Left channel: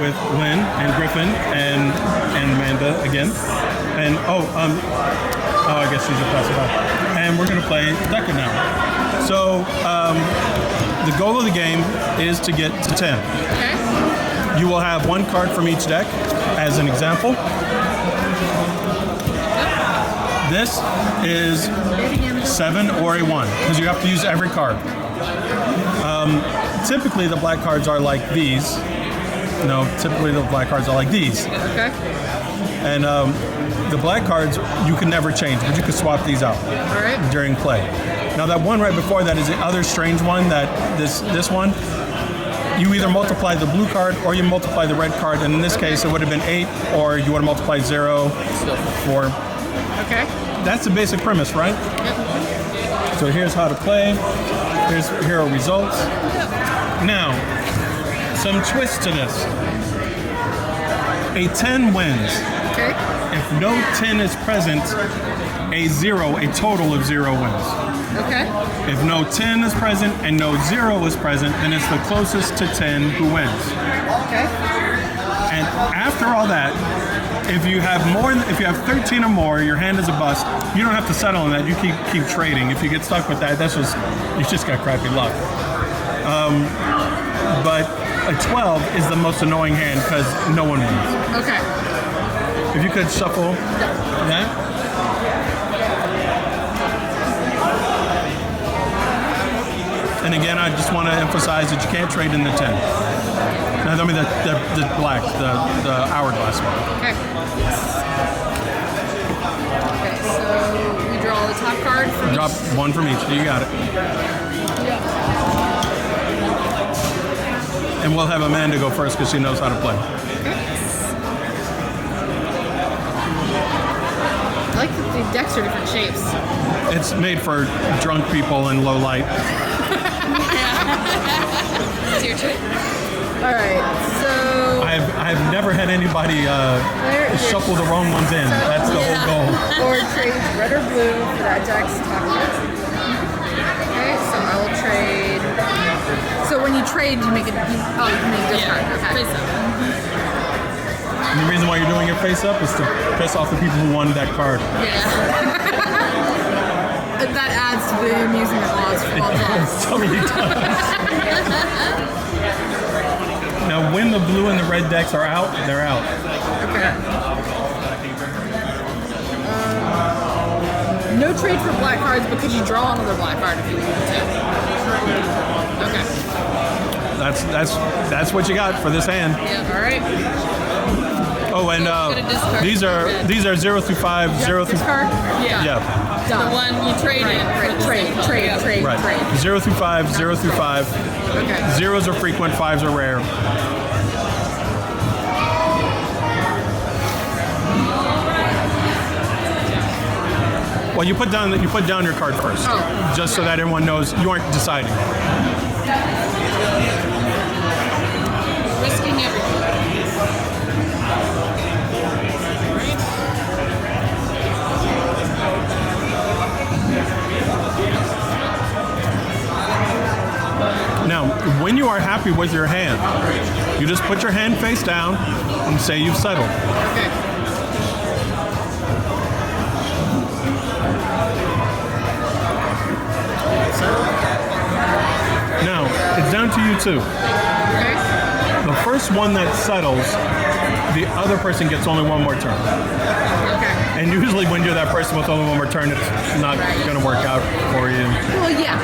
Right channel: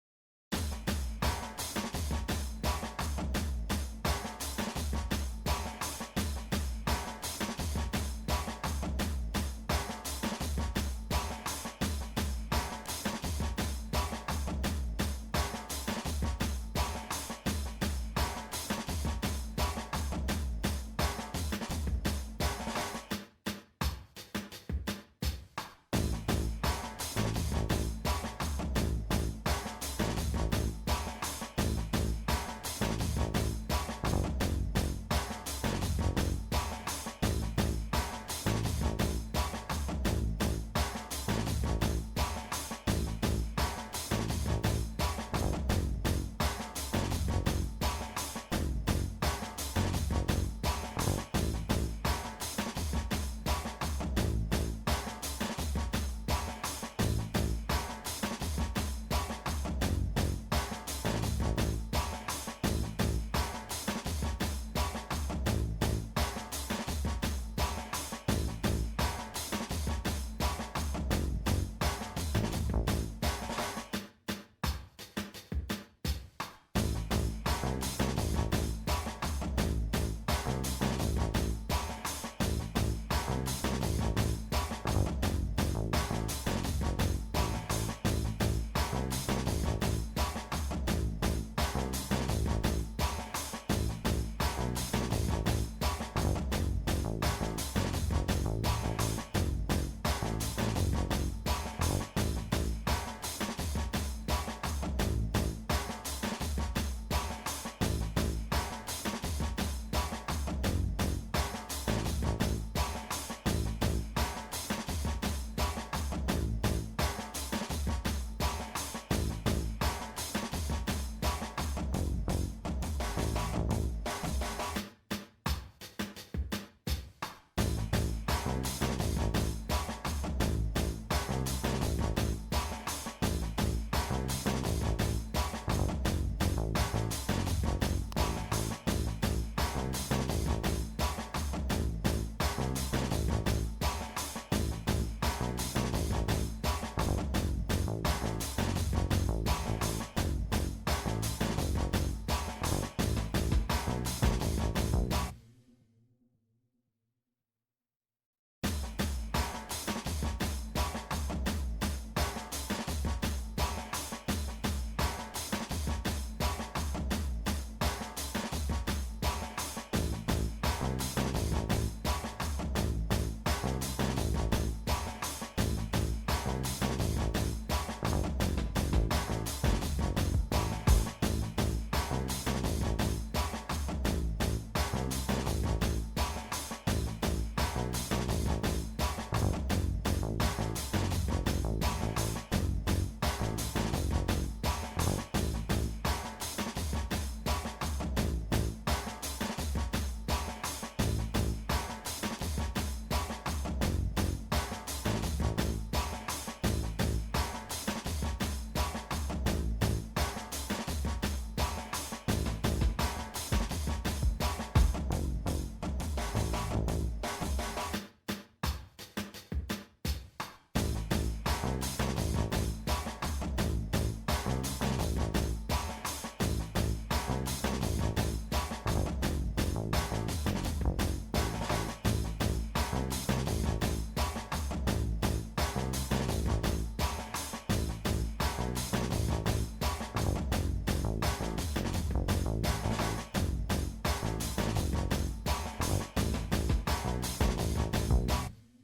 with Lyn and Griffin and Amanda again. And I guess she's a passerby. And we're gonna play Deca now. So the goal of the game is to get to 10. Okay. You will have one card from each deck as an example. This is 7 or a 1 because you have to use every card. Typically the black cards are like these. No, typically the black cards are like these. Okay. And the black cards you can never change, but you can swap these out during play. Now that one right before that is the other strange one, that this one, you either multiply the blue card or you multiply the red card, and in this case it would have been 8, or you want to multiply 0, 4. Okay. That's the basic premise, right? Yep. So here's how to play. Here are results. Now, some twists to this. A 10 wins. Okay. If no 10 is present, a total of 0 wins. Okay. If no 10 is present and no 0 is present, then it's the closest to 10 who wins. Okay. And after all that, if you have 13 or more, your hand is a bust. You don't have to settle on that. You keep trading. If you get stuck with that, you just got crappy luck. But a 12 is the most annoying hand because no one wins. Okay. If you could shuffle that. And again, I just want to emphasize that you can't trade in the 10. No, I mean the black, the hourglass one. Okay. Okay, so we draw the top card from Drop one from each. You got it. And we'll have Amanda go first because she knows how to play. I like that the decks are different shapes. It's made for drunk people in low light. It's your turn. All right, so I've never had anybody shuffle the wrong ones in. That's the whole goal. Or trade red or blue for that deck's top card. Okay, so I will trade. So when you trade, you make it. You make this card. Okay. And the reason why you're doing your face up is to piss off the people who won that card. Yeah. That adds to the amusement laws. It totally does. Now, when the blue and the red decks are out, they're out. Okay. No trade for black cards because you draw another black card if you want to. Okay. That's what you got for this hand. Yeah. All right. Oh, and these are 0 through 5, 0 through. Card? Yeah. The one you trade in. Trade. Right. 0 through 5, 0 through 5. Okay. 0s are frequent, 5s are rare. Well, you put down your card first, just so that everyone knows you aren't deciding. Risking everything. Now, when you are happy with your hand, you just put your hand face down and say you've settled. Okay. Now, it's down to you two. Okay. The first one that settles, the other person gets only one more turn. Okay. And usually when you're that person with only one more turn, it's not going to work out for you. Well, yeah.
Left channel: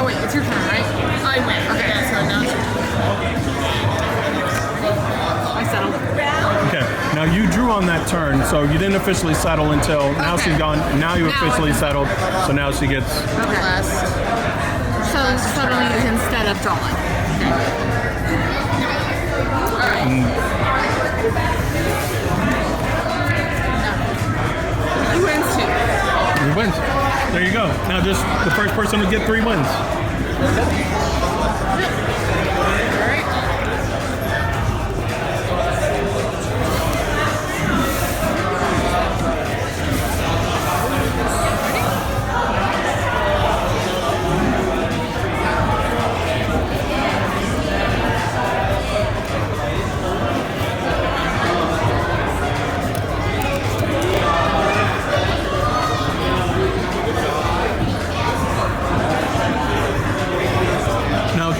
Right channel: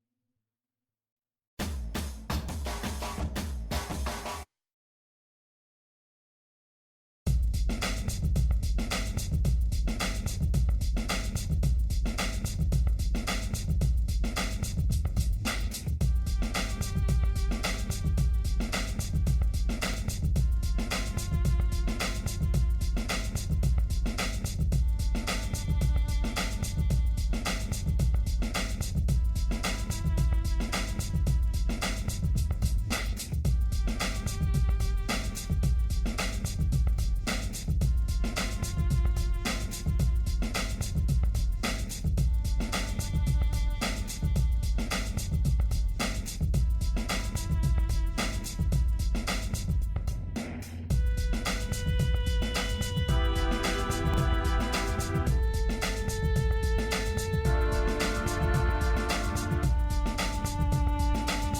Oh wait, it's your turn, right? I win. Okay. Yeah, so now. I settled. Okay, now you drew on that turn, so you didn't officially settle until now she's gone. Now you officially settled, so now she gets. Okay. So settling is instead of drawing. You win two. You win. There you go. Now just the first person to get 3 wins.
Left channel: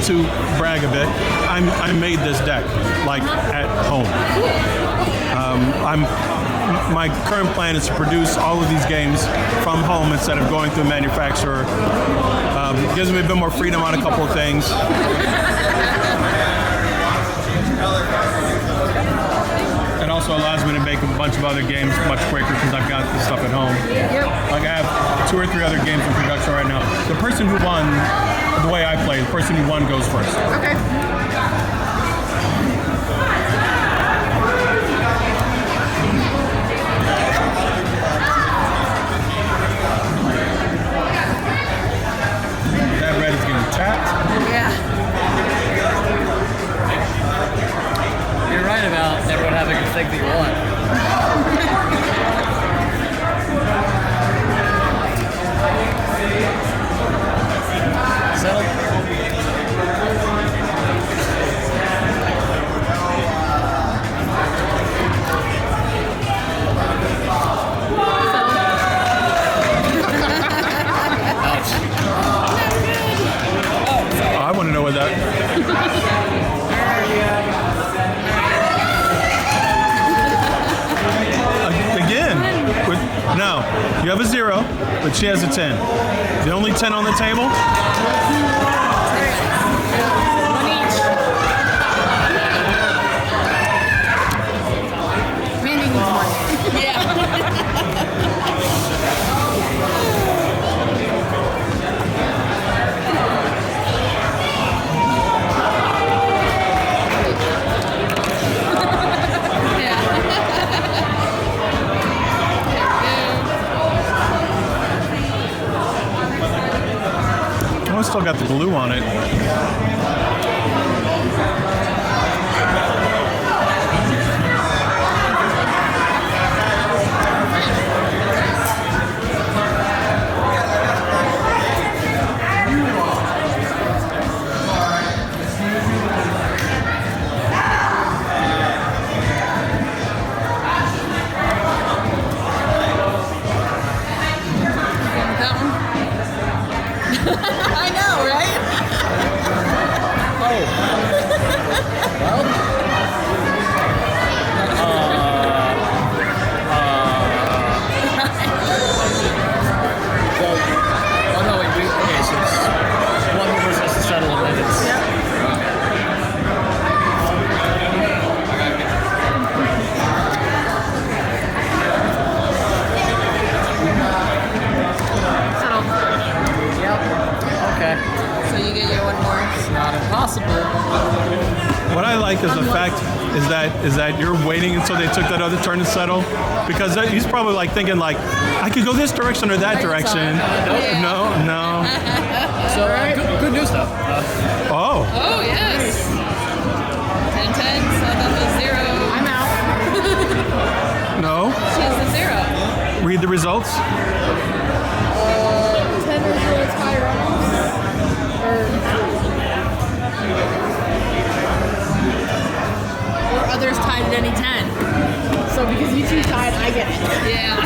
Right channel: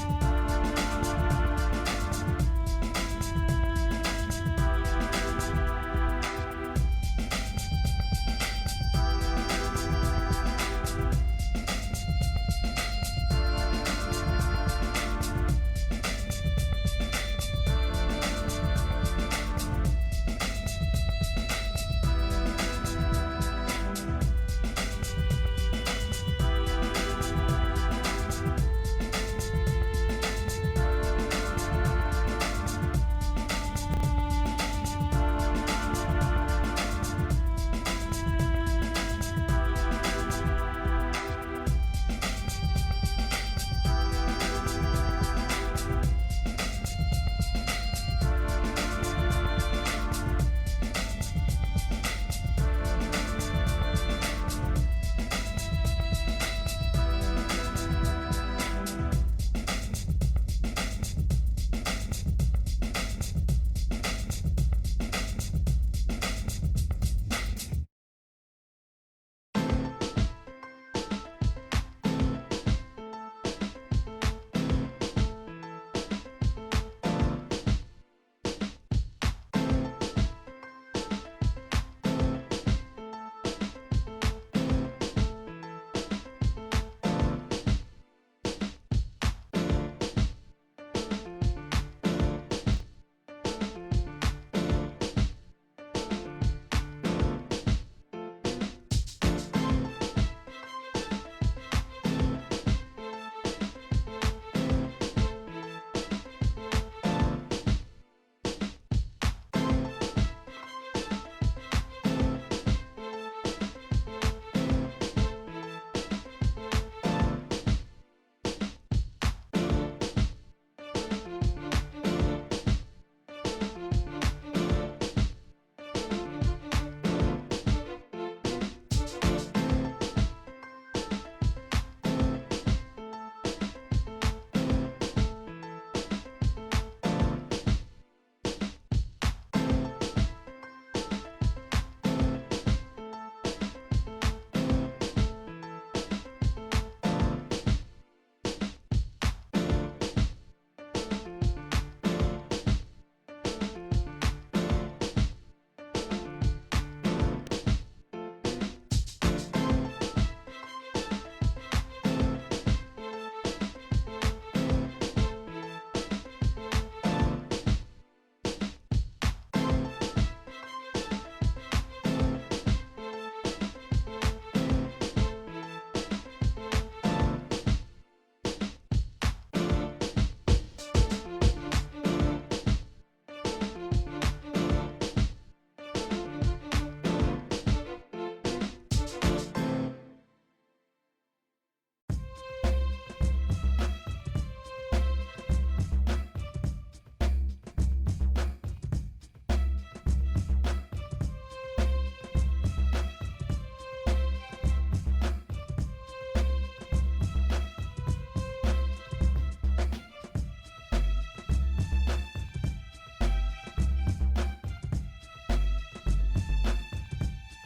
to brag a bit, I made this deck like at home. My current plan is to produce all of these games from home instead of going through a manufacturer. Gives me a bit more freedom on a couple of things. It also allows me to make a bunch of other games much quicker because I've got the stuff at home. Yep. Like I have 2 or 3 other games in production right now. The person who won, the way I play, the person who won goes first. Okay. That red is getting tapped. Yeah. You're right about everyone having a thing that you want. Settle. Ouch. I want to know what that. Again, no, you have a 0, but she has a 10. The only 10 on the table. One each. Mandy needs one. Yeah. Oh, it's still got the glue on it. That one. I know, right? Oh no, wait, okay, so it's one more person has to settle and then it's... Settle. Okay. So you get your one more. Not impossible. What I like is the fact is that you're waiting until they took that other turn to settle, because he's probably like thinking like, I could go this direction or that direction. Yeah. No. So, good news though. Oh, Oh, yes. 10, 10, so that's a 0. I'm out. no. She has a 0. Read the results. 10 results high runners. Or others tied at any 10. So because you two tied, I get it. Yeah.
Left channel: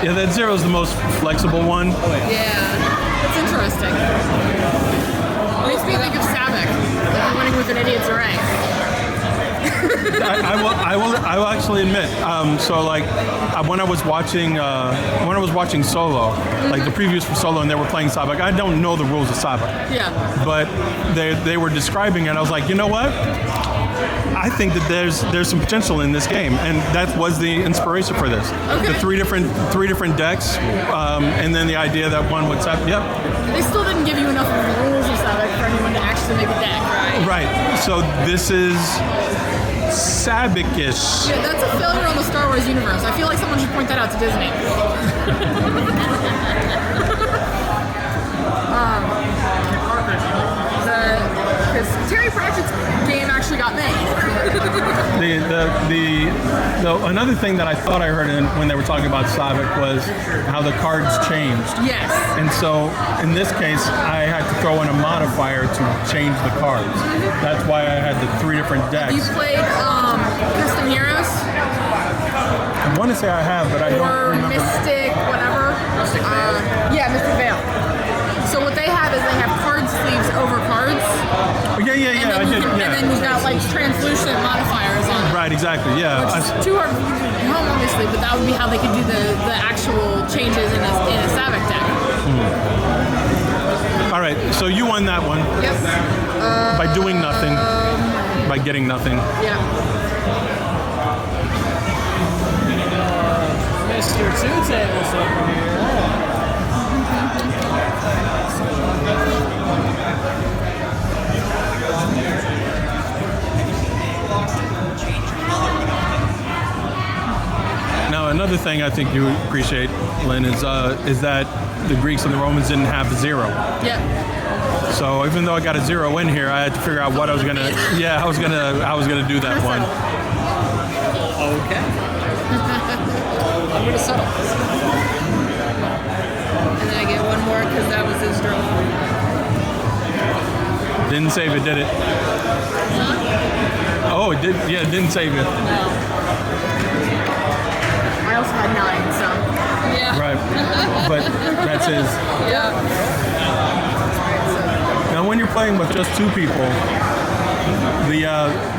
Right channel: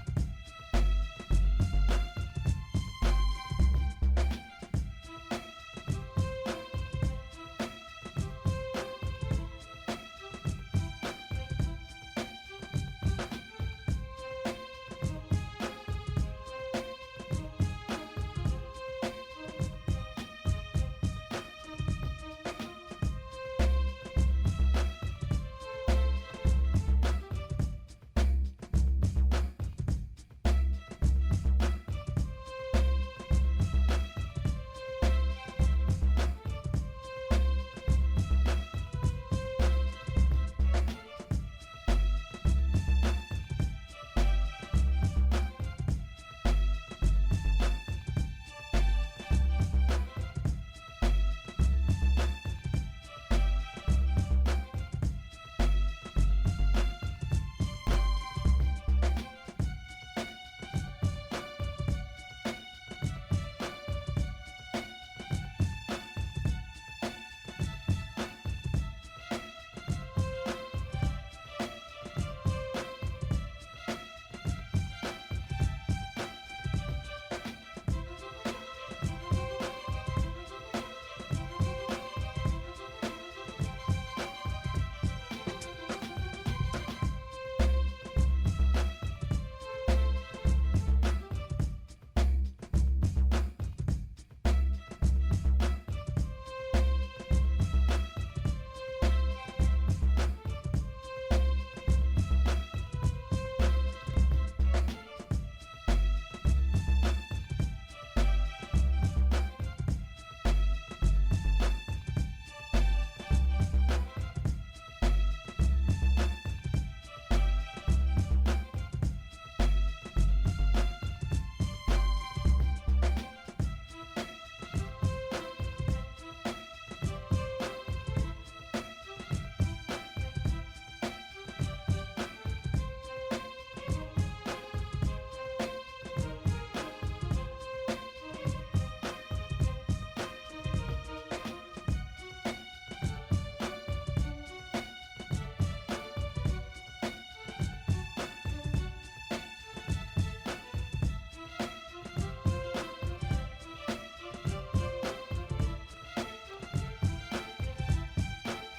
Yeah, that 0 is the most flexible one. Yeah. It's interesting. Makes me think of Savick. Like winning with an idiot's array. I will actually admit. So like when I was watching Solo, like the previews for Solo, and they were playing Sabak. I don't know the rules of Sabak, Yeah. but they were describing it. I was like, you know what? I think that there's some potential in this game, and that was the inspiration for this. Okay. The three different decks, and then the idea that one would set. Yep. They still didn't give you enough of the rules of Savick for anyone to actually make a deck, right? Right. So this is Sabic-ish. Yeah, that's a failure on the Star Wars universe. I feel like someone should point that out to Disney. Because Terry Pratchett's game actually got made. Another thing that I thought I heard when they were talking about Sabic was how the cards changed. Yes. And so in this case, I had to throw in a modifier to change the cards. That's why I had the 3 different decks. You played Custom Heroes I want to say I have, but I don't or remember. Mystic, whatever. Yeah, Mr. Vale. So what they have is they have card sleeves over cards. Oh, yeah. I did. And Yeah. then you've got like Translucent modifiers on it. Right. Exactly. Yeah. which is too hard for you to do at home, obviously, but that would be how they could do the actual changes in a Savak deck. All right. So you won that one Yep. by doing nothing, by getting nothing. Yeah. Mr. Two Tables over here. Now, another thing I think you appreciate, Lynn, is that the Greeks and the Romans didn't have the 0. Yep. So even though I got a 0 in here, I had to figure out what I was gonna. Yeah, I was gonna do that one. Okay. I'm gonna settle. And then I get one more because that was his draw. Didn't save it, did it? Oh, it did. Yeah, it didn't save it. No. I also had 9, so. Yeah. Right. But that's his. Yeah. Now, when you're playing with just 2 people,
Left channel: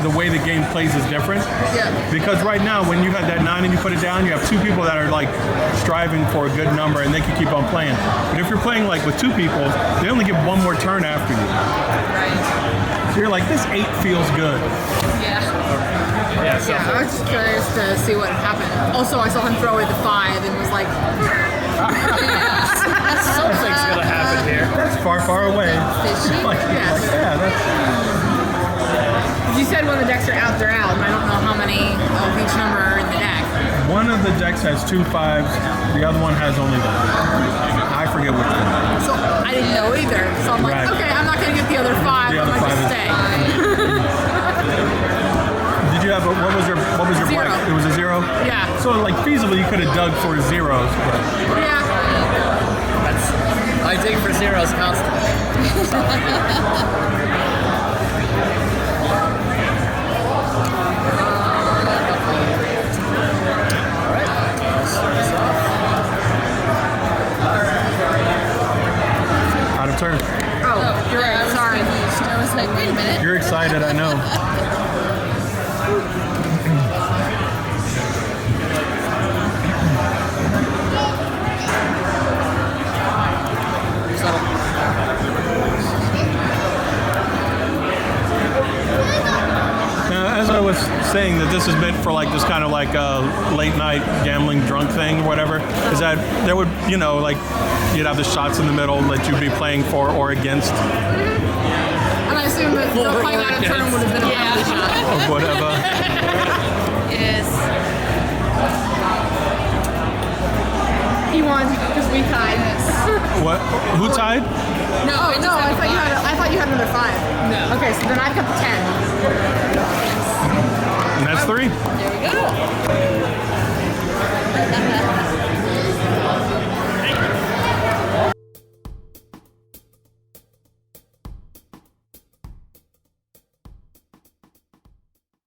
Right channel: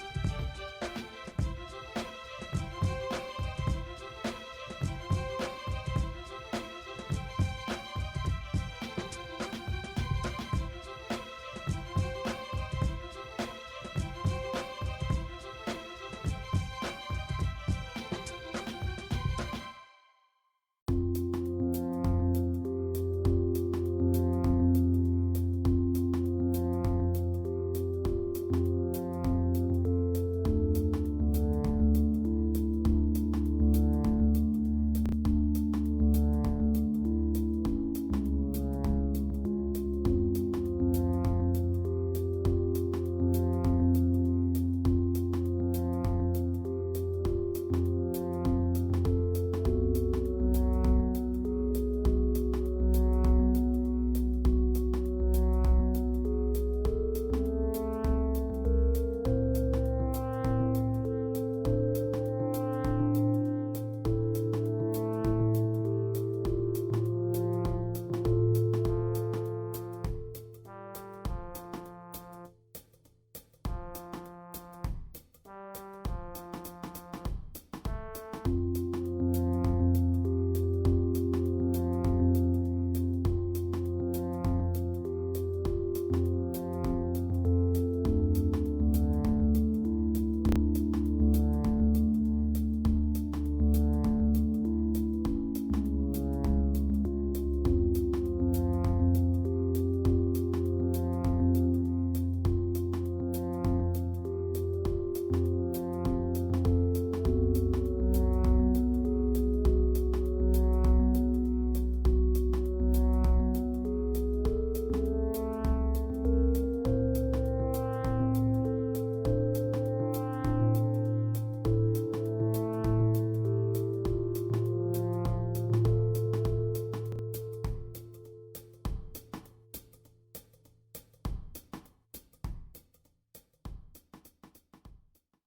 the way the game plays is different. Yeah. Because right now, when you have that 9 and you put it down, you have 2 people that are like striving for a good number, and they can keep on playing. But if you're playing like with 2 people, they only get 1 more turn after you. Right. So you're like, this 8 feels good. Yeah. Yeah, I was just curious to see what happened. Also, I saw him throw away the 5 and was like, Something's gonna happen here. That's far, far away. Fishy. Like, Yes. yeah, that's. you said when the decks are out, they're out, and I don't know how many of each number are in the deck. One of the decks has 2 5s. The other one has only 1. I forget which one. So I didn't know either. So I'm like, Right. okay, I'm not going to get the other 5. The I'm other going to 5 is- stay. Did you have what was your 0. black? It was a 0. Yeah. So like feasibly, you could have dug for zeros. But Yeah. I dig for zeros constantly. out of turn. Oh, you're Yeah, I right. was Sorry. confused. I was like, wait a minute. You're excited, I know. Now, as I was saying, that this is meant for like this kind of like late night gambling drunk thing or whatever, is that there would, like you'd have the shots in the middle that you'd be playing for or against And I assume that the playing out of turn would have been a penalty shot. or whatever. Yes. He won because we tied. What? Who tied? No, Oh, it no, just I thought you had another 5. No. Okay, so then I've got the 10. And that's 3. There we go.